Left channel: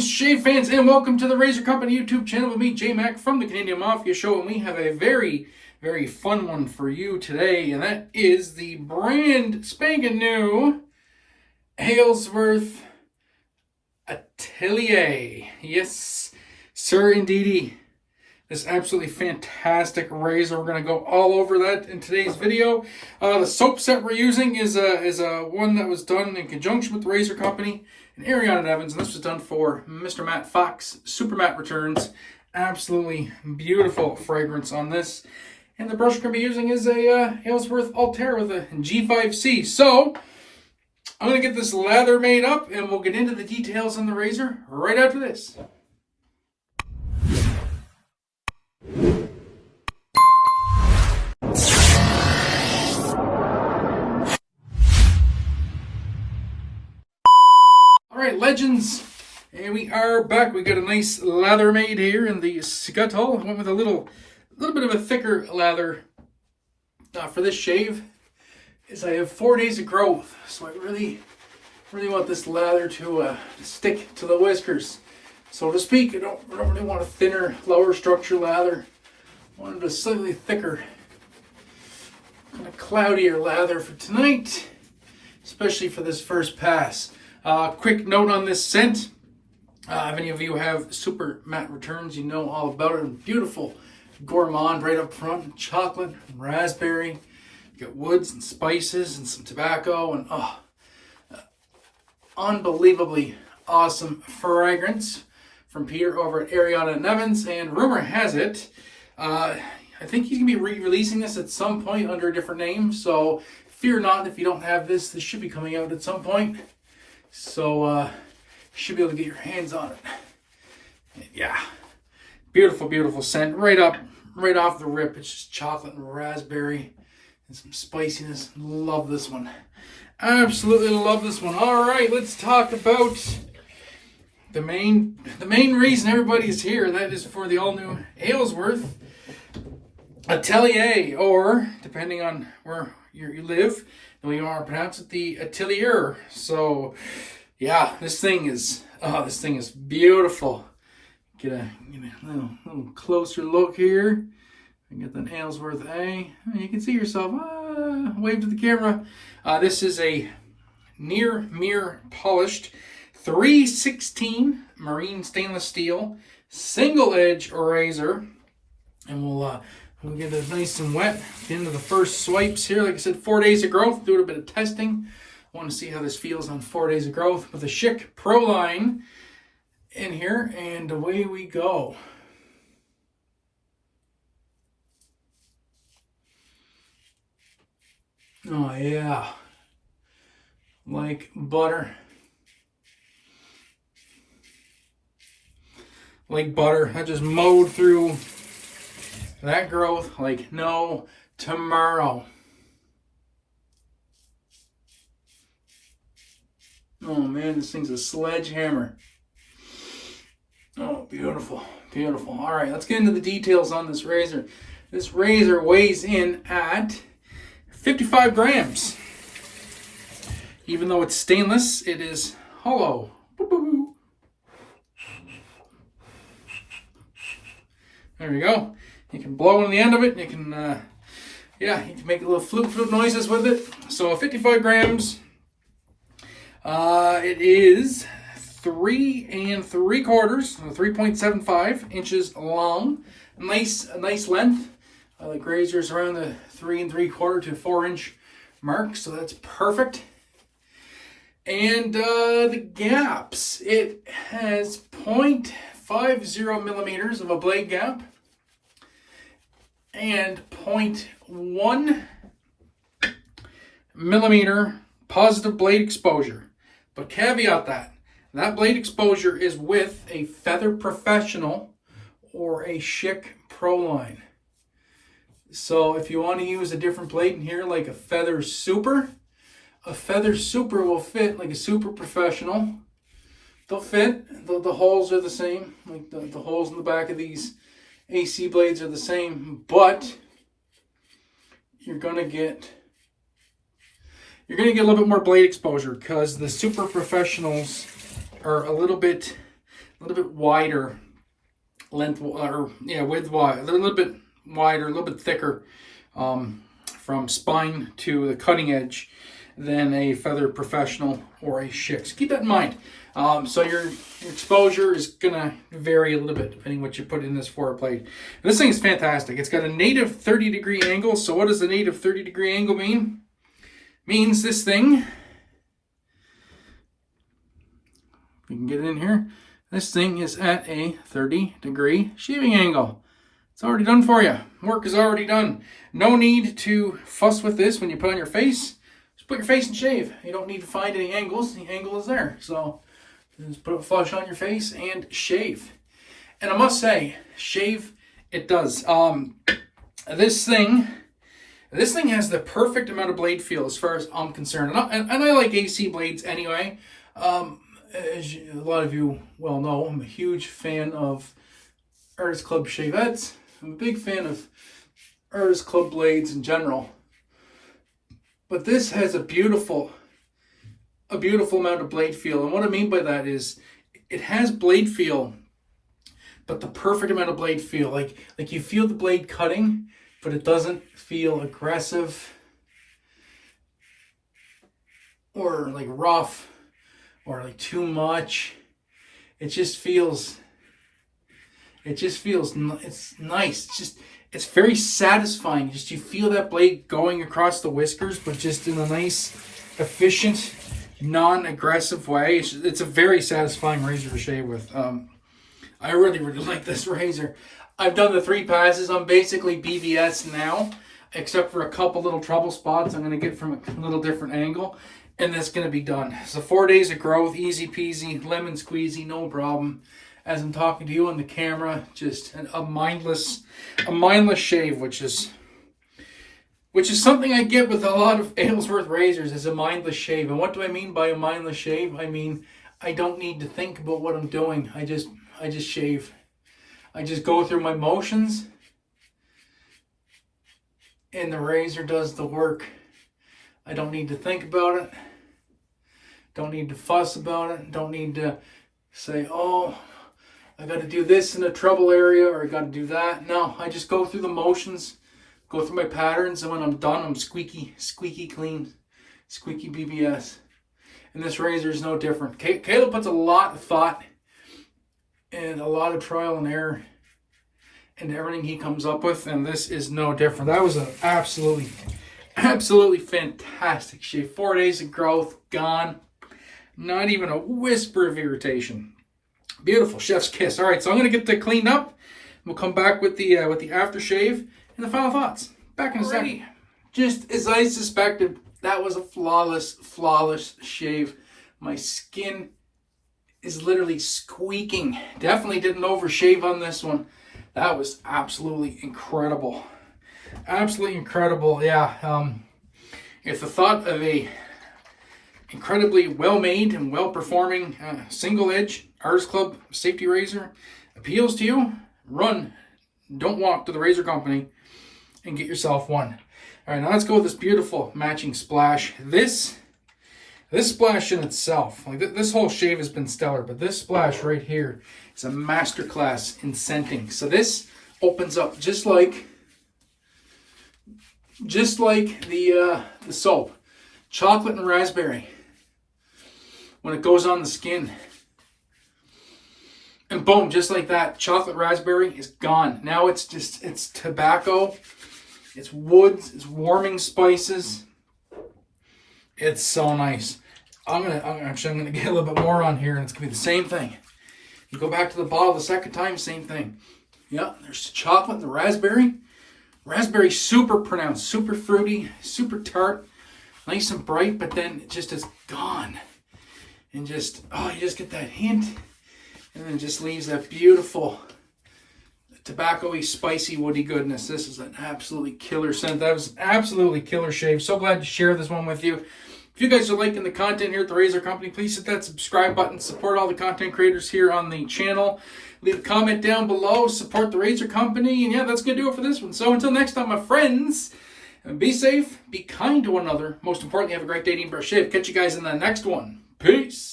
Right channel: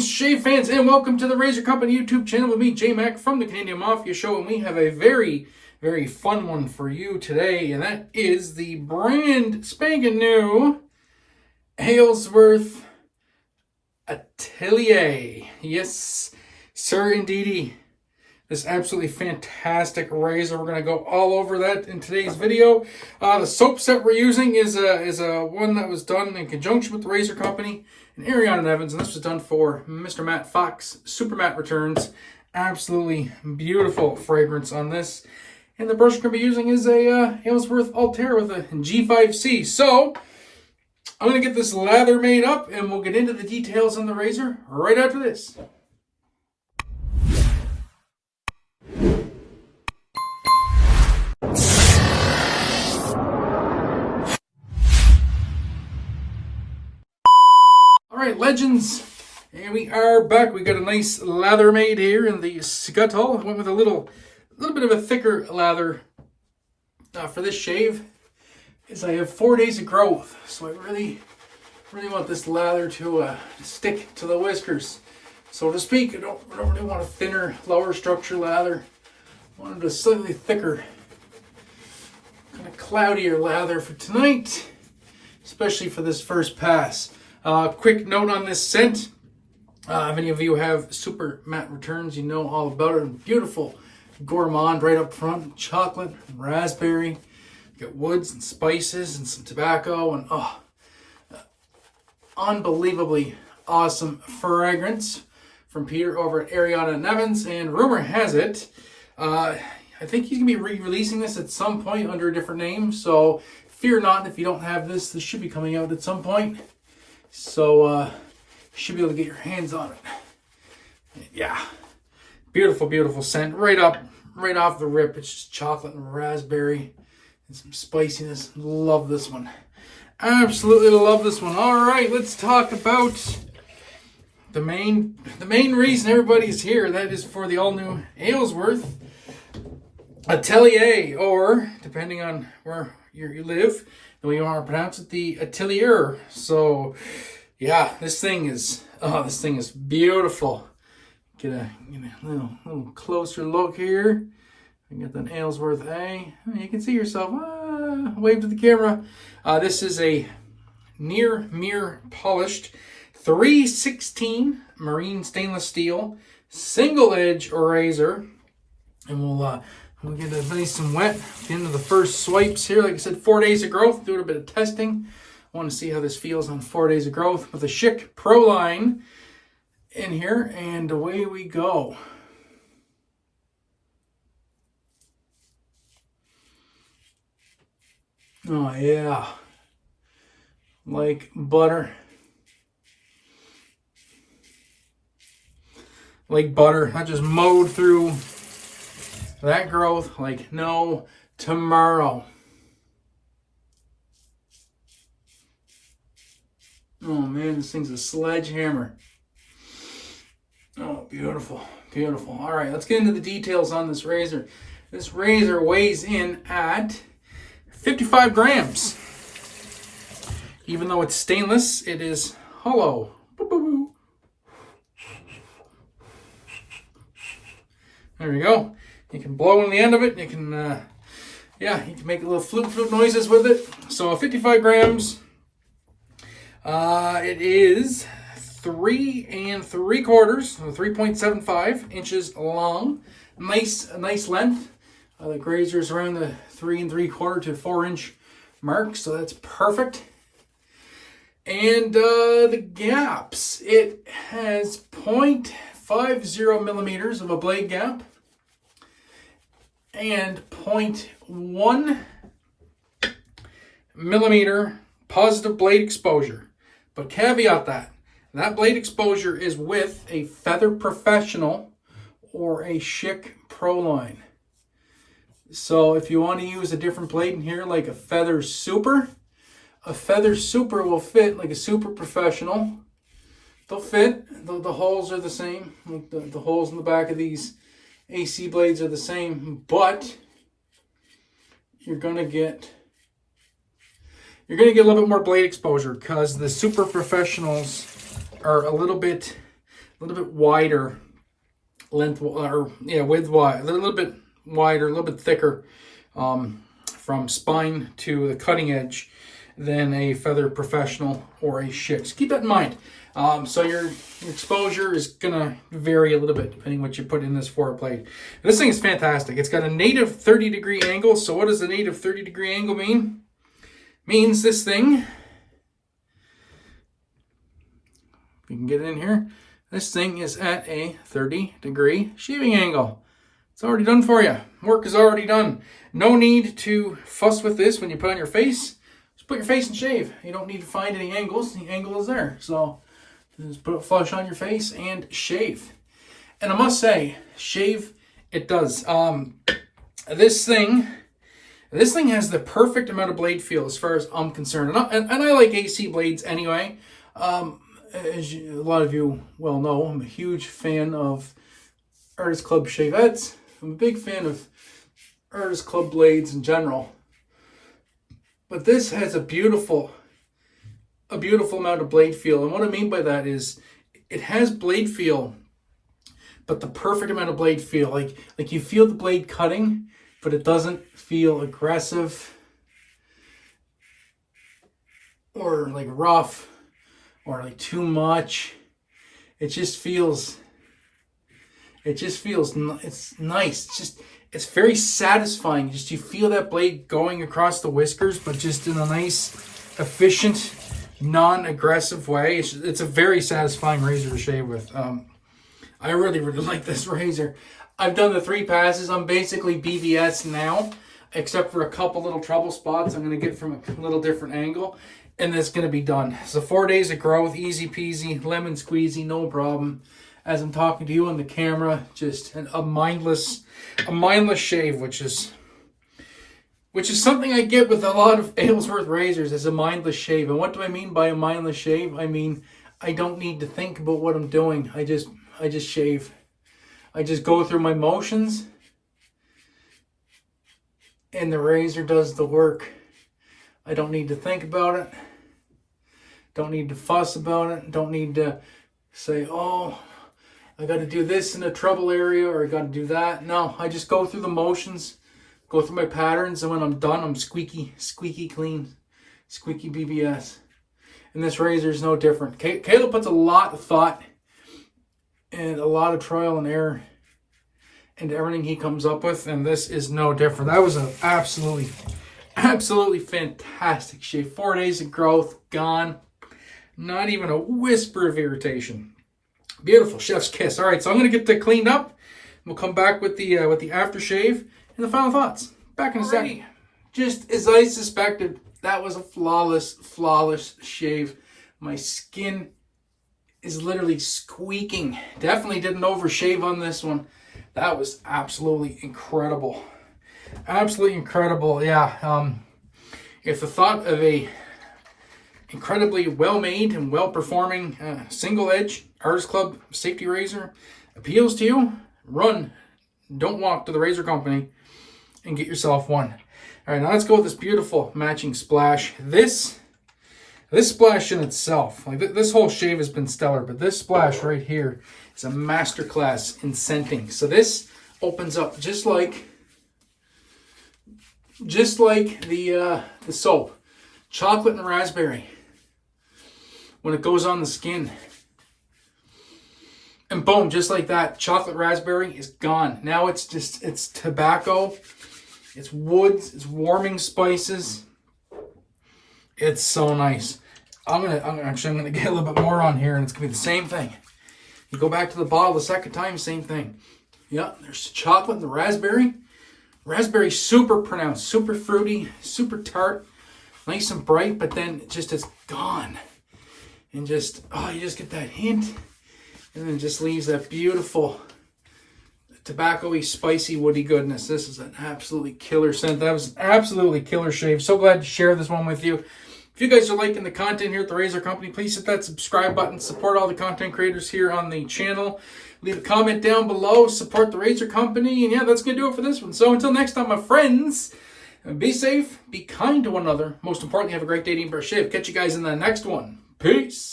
Greetings, shave fans, and welcome to the Razor Company YouTube channel with me, J-Mac, from the Canadian Mafia Show, and we have a very, very fun one for you today, and that is the brand spanking new Aylsworth Atelier. Yes, sir, indeedy. This absolutely fantastic razor. We're going to go all over that in today's video. The soap set we're using is a one that was done in conjunction with the Razor Company and Ariana and Evans, and this was done for Mr. Matt Fox SuperMatt returns. Absolutely beautiful fragrance on this. And the brush we're going to be using is a Aylsworth Altare with a G5C. So I'm going to get this lather made up, and we'll get into the details on the razor right after this. Alright, legends, and we are back. We got a nice lather made here in the scuttle. I went with a little bit of a thicker lather for this shave. Is I have 4 days of growth, so I really want this lather to stick to the whiskers, so to speak. I don't really want a thinner, lower structure lather. I wanted a slightly thicker, kind of cloudier lather for tonight, especially for this first pass. Quick note on this scent. If any of you have SuperMatt returns, you know all about it. Beautiful gourmand right up front. Chocolate, and raspberry. You got woods and spices and some tobacco. And unbelievably awesome fragrance from Peter over at Ariana and Evans. And rumor has it, I think he's going to be re-releasing this at some point under a different name. So fear not if you don't have this. This should be coming out at some point. So, you should be able to get your hands on it. Yeah. Beautiful, beautiful scent. Right off the rip. It's just chocolate and raspberry and some spiciness. Love this one. Absolutely love this one. All right, let's talk about the main reason everybody is here. That is for the all-new Aylsworth Atelier, or depending on where you live, and we want to pronounce it, the Atelier. So yeah, this thing is beautiful. Get a little closer look here. And get that Aylsworth A. You can see yourself. Wave to the camera. This is a near mirror polished 316 marine stainless steel single edge razor, and we'll get it nice and wet at the end of the first swipes here. Like I said, 4 days of growth. Doing a bit of testing. I want to see how this feels on 4 days of growth with a Schick Proline in here. And away we go. Oh yeah. Like butter. Like butter. I just mowed through that growth like no tomorrow. Oh man, this thing's a sledgehammer. Oh, beautiful, beautiful. All right, let's get into the details on this razor. This razor weighs in at 55 grams. Even though it's stainless, it is hollow. There you go. You can blow in the end of it. You can, you can make little flute noises with it. So 55 grams. It is 3 3/4, 3.75 inches long. Nice length. The razor's around the 3 3/4 to 4 inch mark, so that's perfect. And the gaps, it has 0.50 millimeters of a blade gap and 0.1 millimeter positive blade exposure. But caveat that blade exposure is with a Feather Professional or a Schick Proline. So if you want to use a different blade in here, like a Feather Super will fit like a Super Professional. They'll fit. The holes are the same. Like the holes in the back of these AC blades are the same, but you're gonna get a little bit more blade exposure because the Super Professionals are a little bit little bit wider length, or yeah, width-wise, a little bit wider, a little bit thicker from spine to the cutting edge than a Feather Professional or a Schick. So keep that in mind. So your exposure is gonna vary a little bit depending what you put in this forward plate. This thing is fantastic. It's got a native 30-degree angle. So what does a native 30-degree angle mean? Means this thing, if you can get it in here, this thing is at a 30-degree shaving angle. It's already done for you. Work is already done. No need to fuss with this when you put on your face. Just put your face and shave. You don't need to find any angles. The angle is there. So just put it flush on your face and shave. And I must say, shave it does. This thing has the perfect amount of blade feel as far as I'm concerned. And I like AC blades anyway. As a lot of you well know, I'm a huge fan of Artist Club shavettes. I'm a big fan of Artist Club blades in general. But this has a beautiful amount of blade feel. And what I mean by that is it has blade feel, but the perfect amount of blade feel. Like you feel the blade cutting, but it doesn't feel aggressive or like rough or like too much. It's nice. It's very satisfying. Just you feel that blade going across the whiskers, but just in a nice, efficient, non-aggressive way. It's a very satisfying razor to shave with. I really like this razor. I've done the 3 passes. I'm basically BVS now, except for a couple little trouble spots I'm going to get from a little different angle, and that's going to be done. So 4 days of growth, easy peasy, lemon squeezy, no problem. As I'm talking to you on the camera, just a mindless shave, which is something I get with a lot of Aylsworth razors, is a mindless shave. And what do I mean by a mindless shave? I mean, I don't need to think about what I'm doing. I just shave. I just go through my motions, and the razor does the work. I don't need to think about it. Don't need to fuss about it. Don't need to say, oh, I got to do this in a trouble area, or I got to do that. No, I just go through the motions, go through my patterns, and when I'm done, I'm squeaky clean, squeaky BBS. And this razor is no different. Caleb puts a lot of thought and a lot of trial and error into everything he comes up with, and this is no different. That was an absolutely fantastic shave. 4 days of growth, gone. Not even a whisper of irritation. Beautiful, chef's kiss. All right, so I'm going to get that cleaned up. We'll come back with the aftershave and the final thoughts. Back in a second. Just as I suspected, that was a flawless shave. My skin is literally squeaking. Definitely didn't overshave on this one. That was absolutely incredible. Absolutely incredible. Yeah. If the thought of a incredibly well-made and well-performing single edge Artist Club safety razor appeals to you, run, don't walk to the razor company and get yourself one. All right, now let's go with this beautiful matching splash. This splash in itself, like this whole shave has been stellar, but this splash right here is a masterclass in scenting. So this opens up just like the soap, chocolate and raspberry. When it goes on the skin, and boom, just like that, chocolate raspberry is gone. Now it's tobacco, it's woods, it's warming spices. It's so nice. I'm gonna get a little bit more on here, and it's gonna be the same thing. You go back to the bottle the second time, same thing. Yeah, there's the chocolate and the raspberry. Raspberry super pronounced, super fruity, super tart, nice and bright, but then it's gone. And you just get that hint, and then it just leaves that beautiful tobacco-y, spicy, woody goodness. This is an absolutely killer scent. That was an absolutely killer shave. So glad to share this one with you. If you guys are liking the content here at the Razor Company, please hit that subscribe button. Support all the content creators here on the channel. Leave a comment down below. Support the Razor Company. And yeah, that's going to do it for this one. So until next time, my friends, be safe, be kind to one another. Most importantly, have a great day, eating, brush, shave. Catch you guys in the next one. Peace.